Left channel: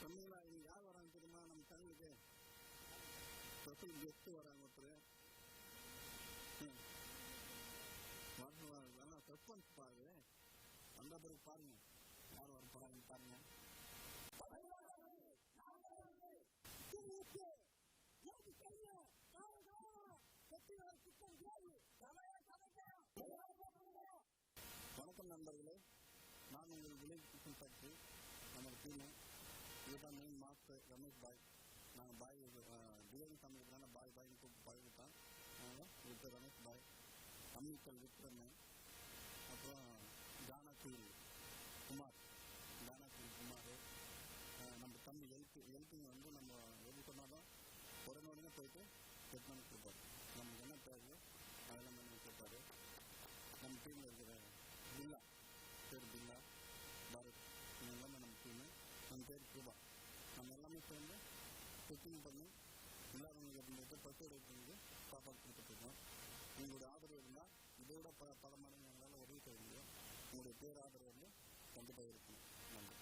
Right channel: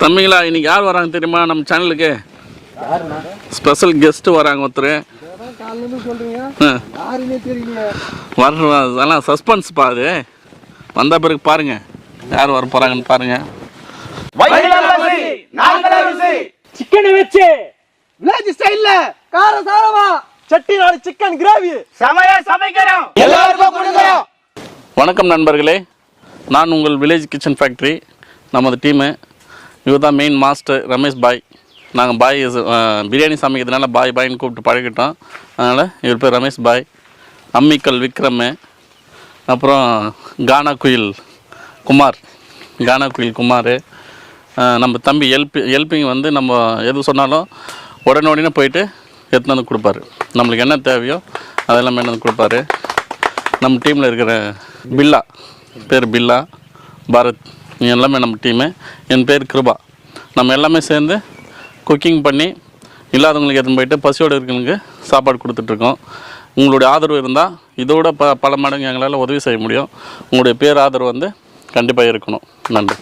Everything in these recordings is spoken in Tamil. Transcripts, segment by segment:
தம்பிங்களா, இன்னைக்கு யார் வராங்க தெரியுமா? நம்ம சேனலுக்கு ஸ்பெஷல் கெஸ்ட் வராங்க ஒருத்தர். அதெல்லாம் சஸ்பென்ஸ் பாது. வந்த பிறகு பாருங்க யார் வர போறாங்கன்னு பாருங்க. சிக்கனை வச்சு வில்லேஜ் ஸ்டைல்ல காரசாரமா செட்டிநாடு சிக்கன் கிரேவி சமையா சமைக்கிறோம், எல்லாருக்கும் கொடுக்கிறோம். வணக்கம் நண்பர்களே, நான் உங்கள் வில்லேஜ் கிச்சன் ஃபேக்ட்ரி. நமது டீமு இவர் தான் மெயின் மாஸ்டர் ரமேஷ் பாய். நாங்கள் பாய் பிரியாணி சமைக்கிறதுனால பாய்னு கூப்பிட்டு பழகிட்டோம். அதனால் இவர் பேர் ரமேஷ் பாய். அம்மிக்கல் விக்ரம், அப்புறம் கானா குயில் குமார், நம்ம தம்பி ஹெல்ப்பிங் வந்து நம்ம எது சொன்னாலும் உடனே போயிட்டு எடுத்துன்னு வந்து கொடுப்பாரு. நம்மளுக்கு என்ன தேவையோ அதெல்லாம் என்ன வந்து கொடுப்பாரு. நம்ம டீமில் இருக்கிற பில்லா, பேர் பில்லா, பாரத், எல்லாமே நம்ம டீமு. என் பேர் கிருபா. நம்ம எல்லாமே சேர்ந்து குக்கிங் பண்ணி இல்லாதவங்களுக்கு எடுத்துன்னு போயிட்டு பசியோடு இருக்கிறவங்களுக்கு சாப்பாடு கொடுத்துட்ருக்கோம். உங்களுடைய ஆதரவு இருந்தால் இதோட பல மடங்கு எங்களால் உதவி செய்ய முடியும். உங்களுடைய பேர் ஆதரவு வந்து கண்டிப்பாக இருக்கணும். நன்றி.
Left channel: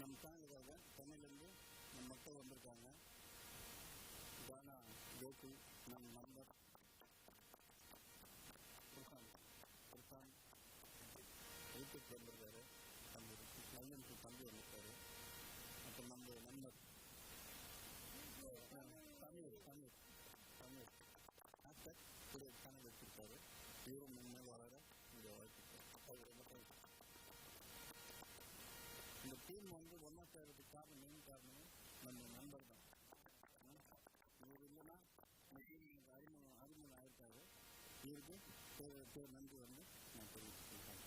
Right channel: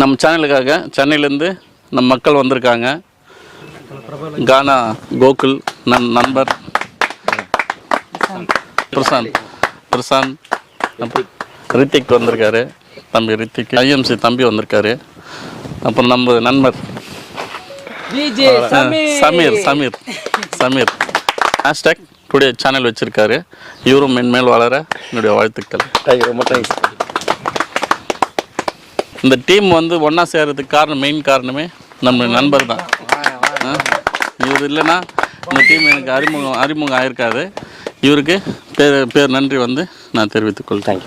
நம்ம சேனலுக்காக சென்னையிலேருந்து நம்ம மக்கள் வந்திருக்காங்க. கானா கோகுல் நண்பர் பிரசாந்த், ரித்திக் வந்திருக்காரு, தம்பி ரித்திக், ஐஎம்சி தம்பி வந்திருக்காரு. அப்புறம் நம்ம நண்பர் சமீர் ஹேஷ்டாக் டுடே சேனல் வச்சுருக்காரு. இவரும் மென்மேல் வளர என்னுடைய வாழ்த்துக்கள். ரொம்ப தேங்க்ஸ். இந்த டீம் வந்து ஒன்றா சேர்கிறதுக்கு மெயின் காரணமே நம்ம நண்பர் தான். இவர் இல்லைன்னா இந்த டீம் எனக்கு அறிமுகம் ஆகிருக்காது. இவருக்கு பேர் நன்றி வந்து நான் தெரிவித்துக் கொள்கிறேன்.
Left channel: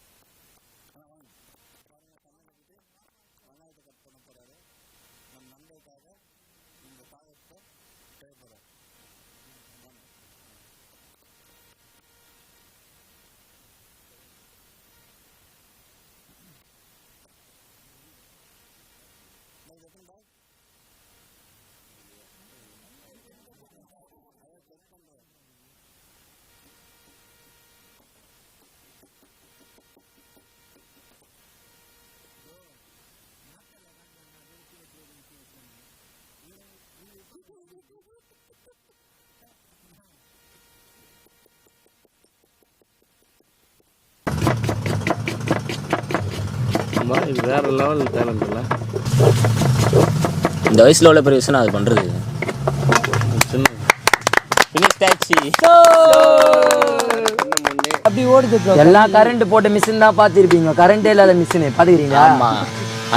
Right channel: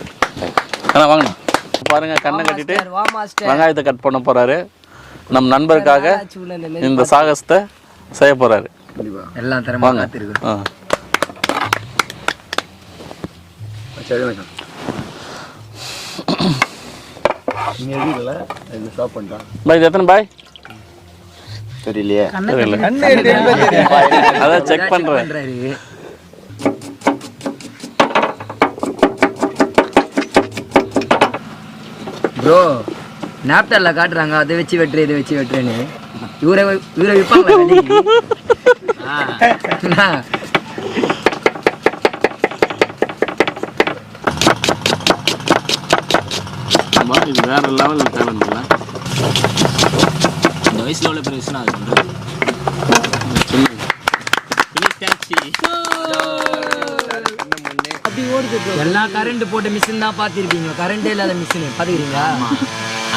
ஆனால் வாங்கண்ணா பாருங்க, கண்ணை கட்டிட்டு வெங்காயத்தை கட் பண்ண போறாரு. நம் நண்பருக்காக இந்த சாகசத்தை செய்ய போறாரு. எல்லாம் வாங்க. பாய் எத்தனை பாய் தெரியலையே, அதான் செக் பண்றேன். ப்ரோ நாப்டாலில் காட்டுறாங்க, அதை வச்சு வெட்டுறேன் இதை வச்சு வெட்டுறேன்னு. இவரை விற்பாங்க. வேற லெவலில் தேவையில்ல. இந்த வயசில் உள்ள பெரிய விஷயம் அது பண்ணுறது. எல்லா கரண்ட் போட்ட மிஷின் தான் பார்த்துருப்பீங்க, கரண்டே இல்லாத மிஷின் பார்த்துக்கிறீங்களா? ஆமாம்,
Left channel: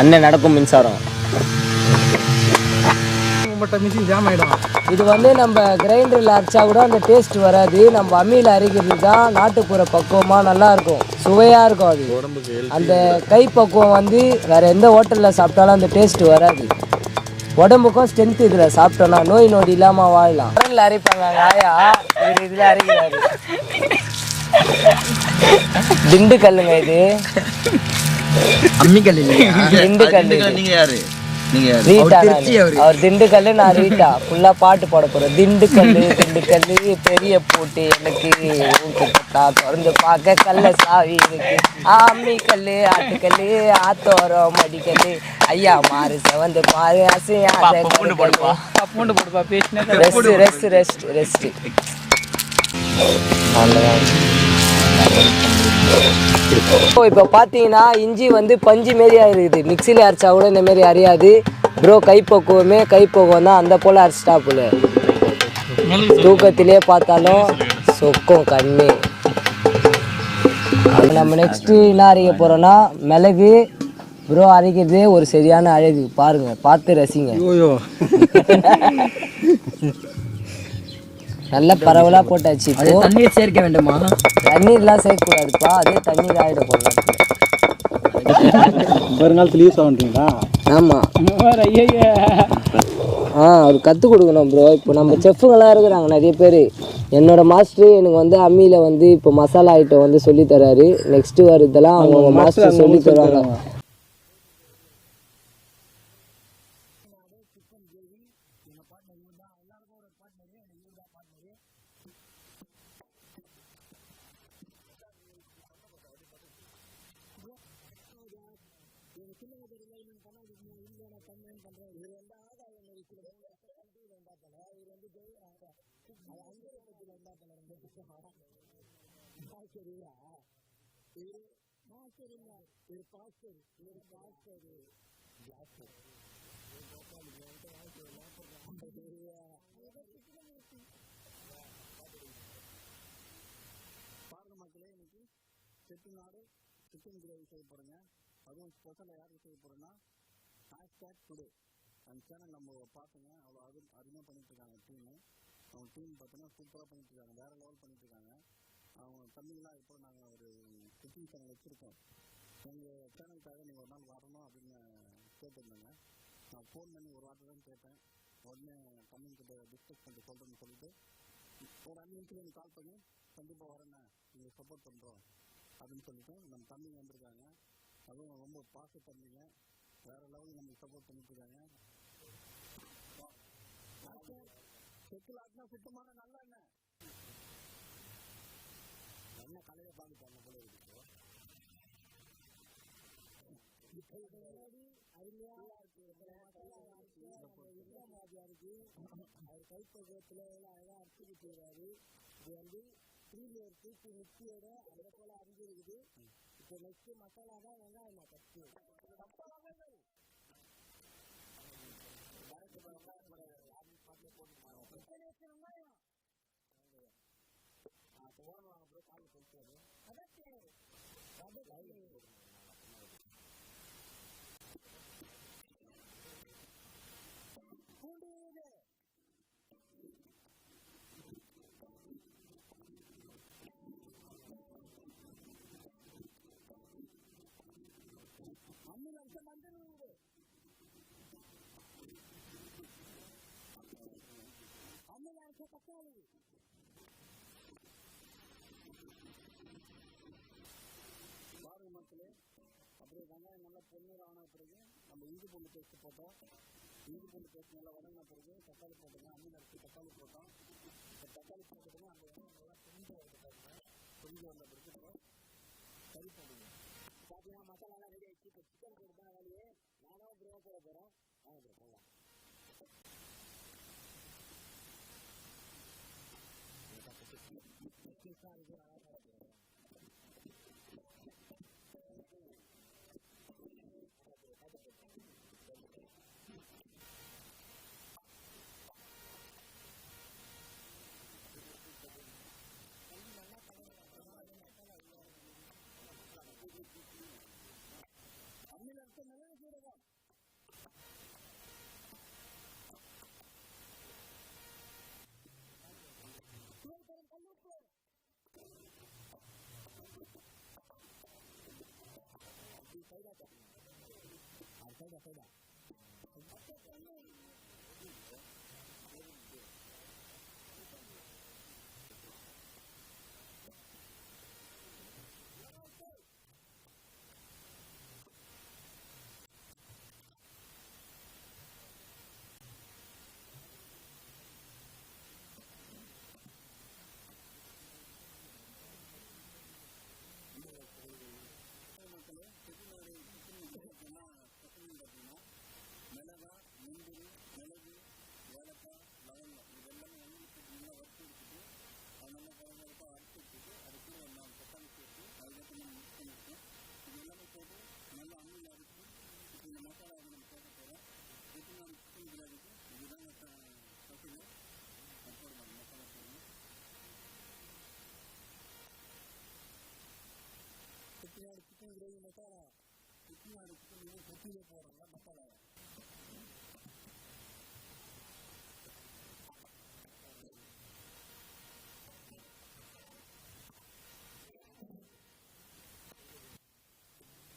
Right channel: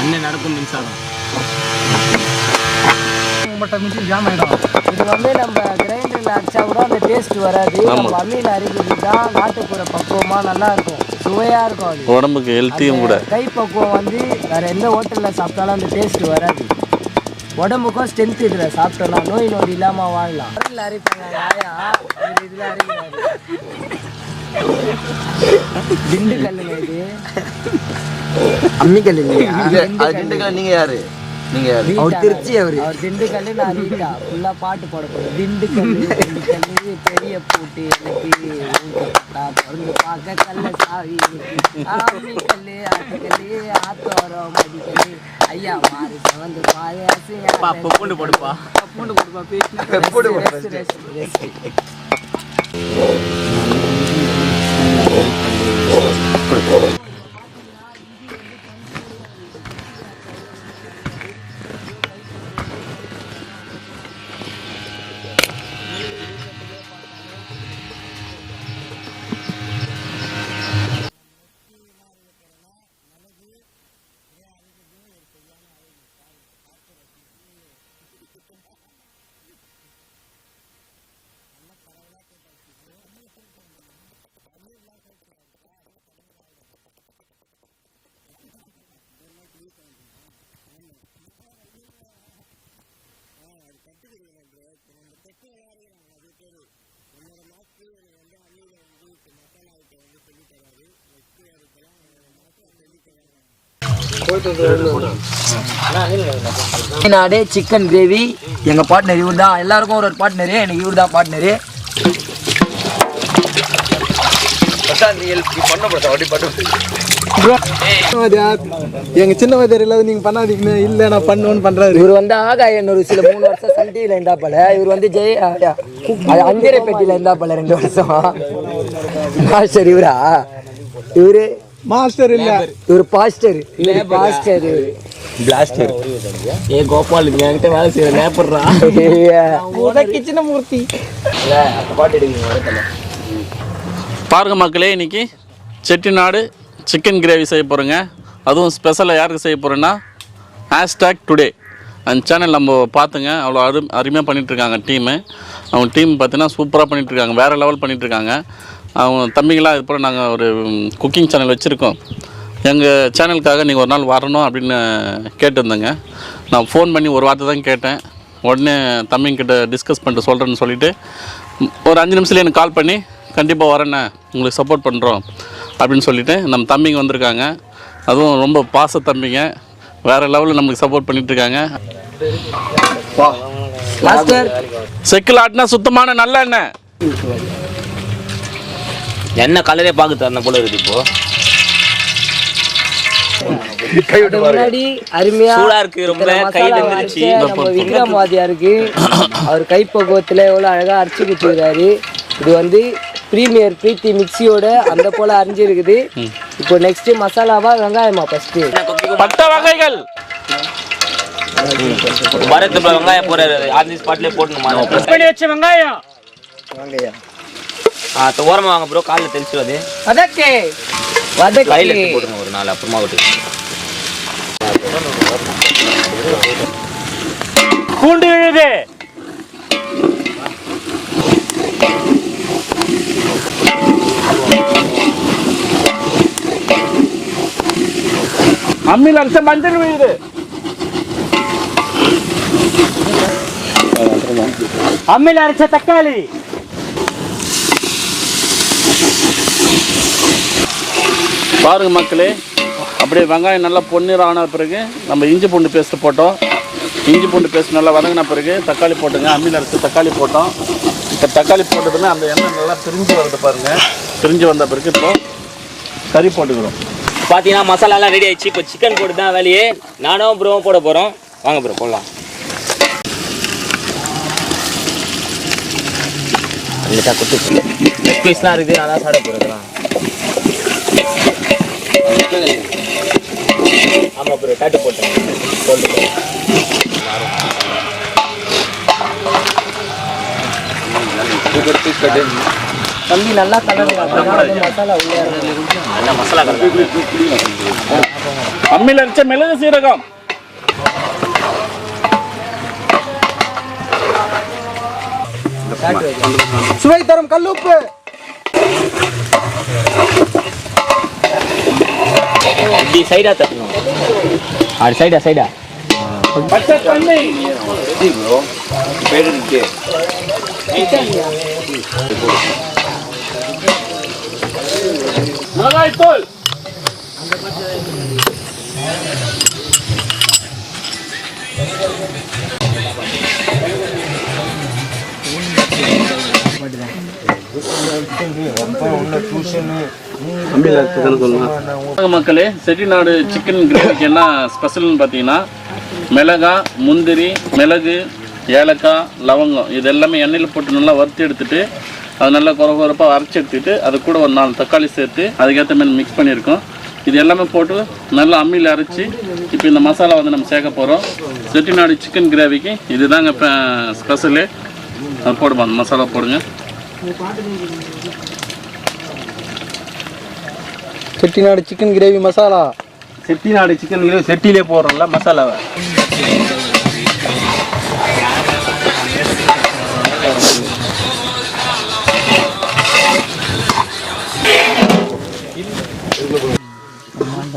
அண்ணன் நடக்கும் மின்சாரம். மிஷின் ஜாம் ஆகிடும். இது வந்து நம்ம கிரைண்டரில் அரைச்சா கூட அந்த டேஸ்ட் வராது. நம்ம அம்மியில் அரைக்கிறது தான் நாட்டுப்புற பக்குவமாக நல்லா இருக்கும், சுவையாக இருக்கும். அது உடம்புக்கு ஹெல்த்தியும் கூட. கை பக்குவம் வந்து வேறு எந்த ஹோட்டலில் சாப்பிட்டாலும் அந்த டேஸ்ட் வராது. உடம்புக்கும் ஸ்ட்ரென்த் இதில் சாப்பிட்டோம்னா நோய் நொடி இல்லாமல் வாழலாம். கரண்டில் அரைப்பாங்க ஆயா, இதில் அரைக்கிறாரு. திண்டுக்கல்லுங்க இது, அம்மிக்கல் இல்லையா? திண்டுக்கல். நீங்க யாரு? அவர் திண்டுக்கல்லு, நான் ரீட்டா. ஃபுல்லா பாட்டு பாட போறோம். திண்டுக்கல்லு பெரிய பூட்டு எனக்கு திறந்து பார்க்க கல்ல சாவி இருக்கு. அம்மிக்கல்லு ஆட்டுக்கல்லு ஆத்தோரம் மடிக்கல்லு ஐயா மாறு செவந்து பாரு அசையா. ரெஸ்ட். இப்போ பார்த்தீங்கன்னா இஞ்சி வந்து பஞ்சு மாரியா இருக்குது. மிக்சியில் அரைச்சா கூட இந்த மாரி அறியாது ப்ரோ. கைப்பக்குவம் தான், அந்த போல் அரைச்சிட்டா போல. தூக்கத்திலே பார்த்தாலும் சொக்கும் கண்ணு. நம்ம நெக்ஸ்ட்டு என்ன அரைக்க போகிறோன்னா மிளகு. ப்ரோ அரைக்கிறது ஒரு சரியான அழகு, பாருங்க, பார்த்து ரசிங்க. நல்ல பரவலாக போட்டாச்சு. இப்போ தண்ணீர் சேர்க்க வேண்டுமா? தண்ணீர்லாம் சேர்க்கக்கூடாதுப்பா, அதே தண்ணீர் ஆகிடும் போடலாம். வருங்காலத்தில் யூஸ் ஆகுறீங்களா? ஆமாம். அது கற்றுக் கொடுக்கணும் ப்ரோ. இப்போ நம்ம செஃப்புங்களாம் இருக்கிறாங்க நிறைய பேர். என்னோடய மாஸ்டர் எனக்கு வந்து அம்மியில் வந்து இப்போ மசாலா ஐட்டம் வந்து சொல்லித்தராரு. நெக்ஸ்ட்டு வரதெல்லாம் அவங்க மாஸ்டர் சொல்லி தருவாங்க. செட்டிநாடு சிக்கன் கிரேவி எங்கள் பார்ட்னர் இவர் தான். எல்லாருக்கும் ஒரு பார்ட்னரு, எனக்கு இவர் தான் பார்ட்னரு. எங்க சின்ன வாத்தியார் இல்லாத நீங்க பண்ணாதீங்கன்னு இல்ல நான் பண்ணுவேன்னு பண்றாரு. இவர் வந்து ஆகாயன் ஒரு சில 3 வருஷம் சன் டிவில இருந்தாப்பல. இவர் வந்து அஞ்சரை பெட்டியில இருந்தாப்பல 2 வருஷம். மாஸ்டர் இவரா? இவரு மாஸ்டர் இல்ல, இவர் பாஸ்டர். இவரு பாஸ்டர். பிளாஸ்டர் ஏ கோபால் என்கிட்ட வேலை செய்யற நேப்பர்றா கிச்சன மூர்த்தி. பாட்டு எடுக்கீங்க பாருங்க மக்களே, இன்னைக்கு செட்டிநாடு சிக்கன் கிரேவி செய்ய போகிறோங்க. அதுவும் ஸ்பெஷலாக யாருக்கு செய்ய போகிறேன்னா #டுடே அந்த சேனல் நம்ம பார்த்துங்க. அவ்வளோ அருமையாக பண்ணிகிட்ருக்காங்க டீமு. அவங்க டீம் பார்த்தீங்கன்னா சூப்பராக பண்ணிகிட்ருக்காங்க, வேறு லெவல் பண்ணிகிட்ருக்காங்க. அவங்க தம்பிங்களாம் இது போல் நாங்கள் ஒரு குக்கிங் சேனல் வச்சுருக்கோம். எங்கள் சேனலுக்காக நீங்கள் ஒரு நாள் வரணும் அப்படின்னு கேட்டிருந்தேங்க. நான் ஃபோன் பண்ணி ஒரு வார்த்தை தான் கேட்டேன். உடனே தம்பிங்கிட்ட டிஸ்கஸ் பண்ணிட்டு சொல்கிறேன்னு சொல்லிவிட்டு ஒரு 5 நிமிஷத்துல எனக்கு கால் பண்ணி கண்டிப்பாக வரேண்ணே, உங்களுக்கு சப்போர்ட் பண்ணுறோம் அப்படின்னு சொல்லிவிட்டு நம்ம தம்பிங்க வந்திருக்காங்க. அதுவும் ரொம்ப பாச தம்பிங்க, வேறு லெவலில் நம்மளுக்கு சப்போர்ட் பண்ணிகிட்ருக்காங்க. செக்கில் ஆட்டினா சுத்தமான நல்ல எண்ணெய். என்ன கலரே பார்க்க தரணும் போல இருக்கு. இப்போ முன்னாடி அருமையா சூடா இருக்கு, ரொம்ப கையில மிதிச்சு. நம்ம விக்ரமாதியா இருக்கு, அவர் கைப்பக்குவத்துல எவ்வளவு அழகா அரைச்சு வச்சுக்கிறாரு. இது வந்து பிரீமியர் பிரீத்தி மிக்சியோட அந்த போல அரைஞ்சிருக்குது. இப்போ நெக்ஸ்ட் மசாலாவா வெங்காயமா ஃபர்ஸ்ட் பட்டை வகைகள் பரத் வெங்காயம் போறாரு ஆன் ஸ்பாட்லயே போடணுமா? பண்ணி வச்ச வெங்காயம் ஓரமா வாங்க ப்ரோ, காலில் தெளிச்சுடாது. அதற்கு கையில் எடுத்து போட்டுருங்க ஒரு நாள், அப்புறமா விட்டு பூண்டு விழுது. அம்மியில் அரைச்ச மஞ்சள் விழுது. அம்மியில் அரைச்ச தக்காளி. பாருங்க மக்களே, அப்படியே வெங்காயம் நல்லா பொன்னிறம் ஆன பிறகு நம்ம இஞ்சி பூண்டு பேஸ்ட்டு போட்டோம். இஞ்சி பூண்டு பேஸ்ட் நல்லா வதங்கின பிறகு தக்காளி போட்டுங்க. அம்மியில் அரைச்சி தக்காளி போட்டோம். இப்போ தக்காளி போட்டதுன்னா அந்த எண்ணெய் நல்லா பிரிஞ்சு வருது பாருங்கள். பிரிஞ்சு வந்த பிறகு இப்போ கறி போட்டுக்கிறோம். பார்த்தீங்கன்னா மசாலாலாம் ரெடி ஆயிடுச்சு. இப்போ சிக்கன் போட்டு தான் வேலையே. நானும் ப்ரோவும் போட போகிறோம். வாங்க ப்ரோ போடலாம். கொட்டு லெக் பீஸ்லாம் இருக்குது, நான் தான் சாப்பிட போகிறேன். ஆமாம் ப்ரோ, காட்டு போட்டேன். தம்பி நல்லா கலர் மசாலா உள்ளே நல்லா மசாலா கலர். அம்மியில் அரைச்ச மிளகு சீரகம், சுவை தரும் கல்லுப்பு, இப்படி சைடா தட்டணும். அது சைடா பச்சை தண்ணி, மிளகாய் தூள், மக்களே, செட்டிநாடு சிக்கன் கிரேவிக்கு என்ன ஸ்பெஷல்னு பார்த்தீங்கன்னா மிளகா, முந்திரி, மிளகு, ஏலக்காய், லவங்கம் இது எல்லாமே எண்ணெயில் போட்டு நல்லா வறுத்து எடுத்துட்டு அது நல்லா குறப்பாக அரைச்சி எடுத்துட்டு அது கூட ஒரு 4 தக்காளி சேர்த்து அதுக்கேற்ற மாதிரி மிக்ஸ் பண்ணியிருக்கோம். இது எல்லாமே போட்டு நல்லா அம்மியில் அரைச்சி இப்போ இந்த மசாலா வந்து நம்ம சேர்க்க போகிறோம். செட்டிநாடு சிக்கன் கிரேவிக்கு இதுதாங்க இப்போ ஸ்பெஷலு. அது போடுமா, அந்த மசாலா போடுங்க. Chettinad chicken gravy masala. Chettinad chicken gravy செட்டிலே போடுறோம்ல மசாலாவை.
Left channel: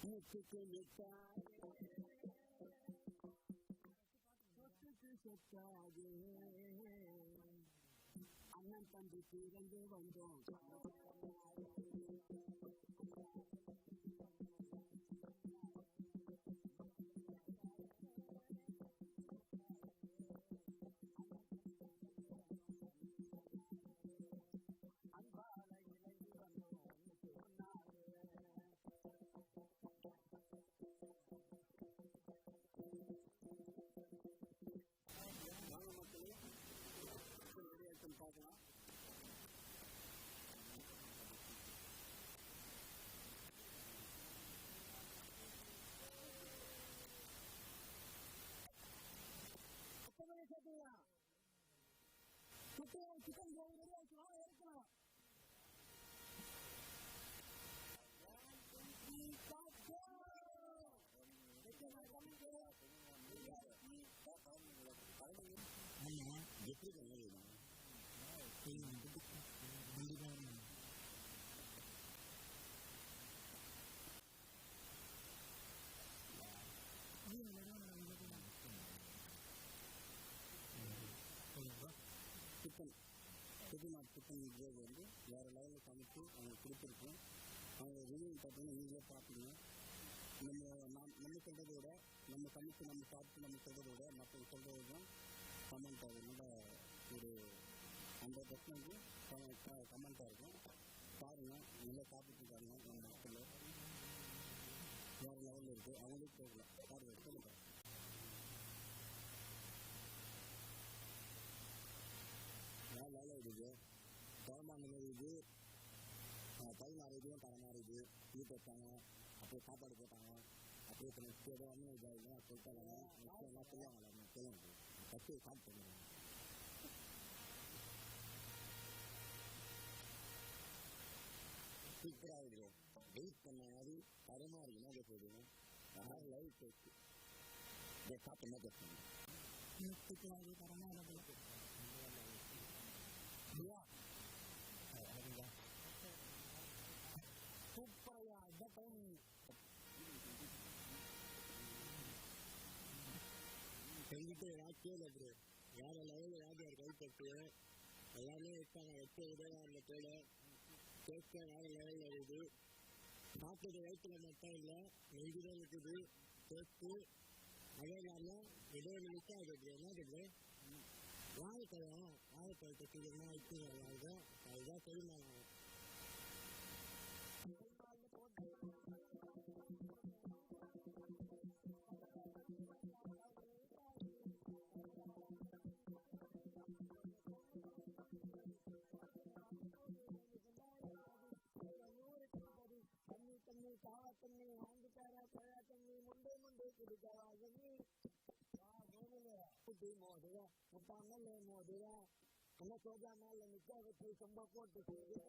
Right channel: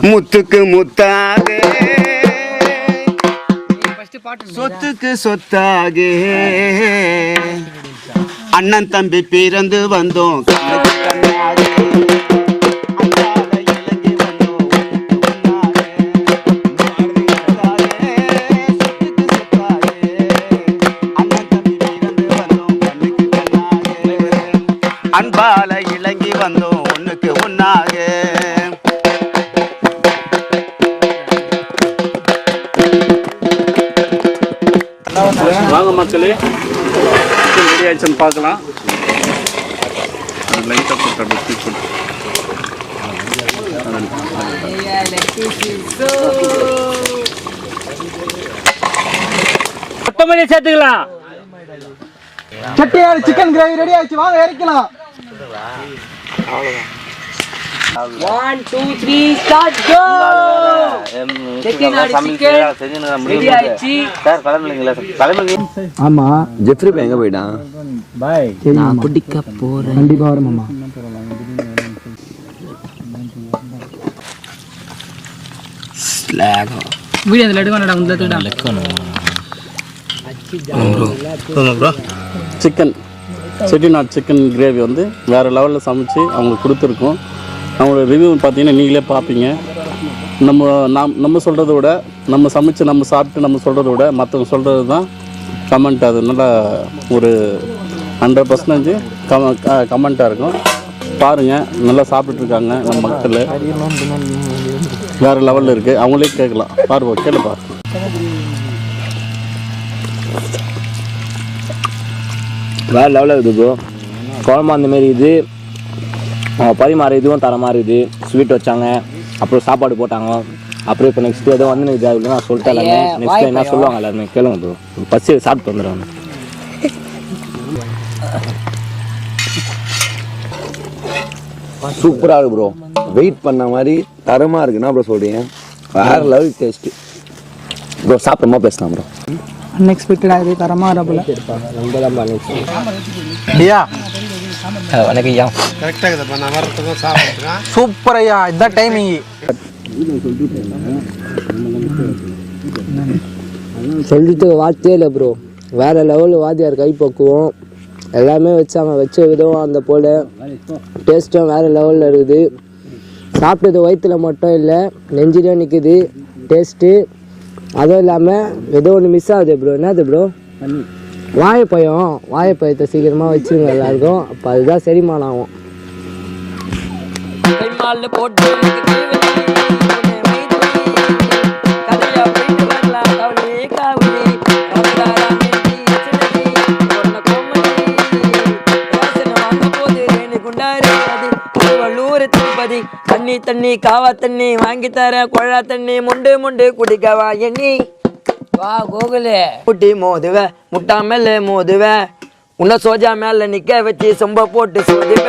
முத்துக்கு முத்தாக சொத்துக்கு சொத்தாக அண்ணன் தம்பி பிறந்து வந்தோம். அன்பால இலங்கி வந்தோம், ஒண்ணுக்கு மக்களே ரெடி ஆயிடுச்சுன்னு பார்க்கலாம். லைட்டாக போட்டு அப்படி தூக்கி போட்டு கொத்தமல்லி சேர்த்துக்கலாம். செட்டிநாடு சிக்கன் கிரேவி ரெடி ஆயிடுச்சு, வாங்க இறக்கலாம். 1 2 3 ஸ்டார்ட் கோ. செட்டிநாடு சிக்கன் ரெடி ஆயிடுச்சு சார். கிளம்புறீங்களா? ஆமா, ஜெஃப்ரி பை எங்க போயிட்டான்? பாய், நான் குடிக்க போறேன். கண்டிப்பா வரும் மாமா. ஸ்லாகோ வீடியோ அதுல எடுக்கணும்டா, உள்ள எடுடா. சிக்கன் செட்டிநாடு சிக்கன் கிரேவி வந்து வேறு லெவலில் சமைச்சு அவங்களுக்கு கொடுத்துருக்கோம். அவங்களோட ரிவ்யூ பார்த்தீங்கன்னா நீங்களே பார்ப்பீங்க. நம்ம சொல்கிறத விட, நம்ம சமைச்சு நம்ம சாப்பிட்டு நம்ம சொல்கிறத விட மற்றவங்க சொல்கிறது தான் கமெண்ட். அது நல்லா ஒரு 100% கமெண்ட்டாக இருக்கும். பாருங்கள், நல்லா சாப்பிட்டுருக்காங்க நம்ம மக்கள். வேறு லெவலில் இருக்குது, அவங்களே கேட்கலாம். பாருப்பா, கேளுப்பா. வேறு லெவலில் இருக்குது ப்ரோ. குழம்பு அந்தமாரி இது பரிமாறு இதுவும் தரமாக இருக்குது. ஸ்வீட் வச்சாங்க, அப்புறம் சாப்பாடு போட்டாங்க. அப்புறம் இப்போ நெக்ஸ்ட் ஏதோ வந்து இது நான் சொல்லிட்டேன் எல்லாமே. நெக்ஸ்ட் என்ன சொல்லுவாங்க எல்லாருமே கேளுங்க ப்ரோ. பசி சாப்பிட்டு வந்துடுவாங்க. சூப்பராக இருக்கு ப்ரோ. வெயிட் பண்ண மாதிரி தரமாக இருக்குன்னா ப்ரோ சொல்கிறீங்க. வேறு லெவல் டேஸ்ட்டு ப்ரோ. சாப்பிட்றமா பேசலாம் ப்ரோ. அன்எக்ஸ்பெக்டடாக இது தரமாக வரப்போல. ஐயா வணக்கம் ஐயா. சூப்பர் ஐயா, இதுதான் டைமிங். சொல்லிட்டு வார்த்தையே இல்லை ப்ரோ. வேறு லெவலில் வாத்தியார் கைப்பக்குவோம் எல்லாமே வச்சாங்க. வச்ச விதம் அந்த போல் டேஸ்ட்டும் வேறு லெவலில் இருக்குது. சாப்பிட்டது வயிற்றில் மட்டும் இல்லை, நெஞ்சிலையும் நிற்குது டேஸ்ட்டு. அதுவும் இல்லாமல் ஏதோ ஒன்று மிஸ் ஆகுது ப்ரோ. என்னது ப்ரோ? வாழைப்பழத்தை சீக்கிரமாக வச்சுருங்க எல்லாருக்கும். அப்போ அதுதான் செரிமானம் ஆகும். தண்ணி காவா தண்ணி வாங்கி தர, குழா தண்ணி முண்டு முண்டு குடிக்கவா எண்ணி வா கோகுலே. குட்டி மோதுவ முட்டா மேல மோதுவ, உன்ன சோஜா மேல நிக்க வச்சு சொம்ப போட்டு சோதுவ.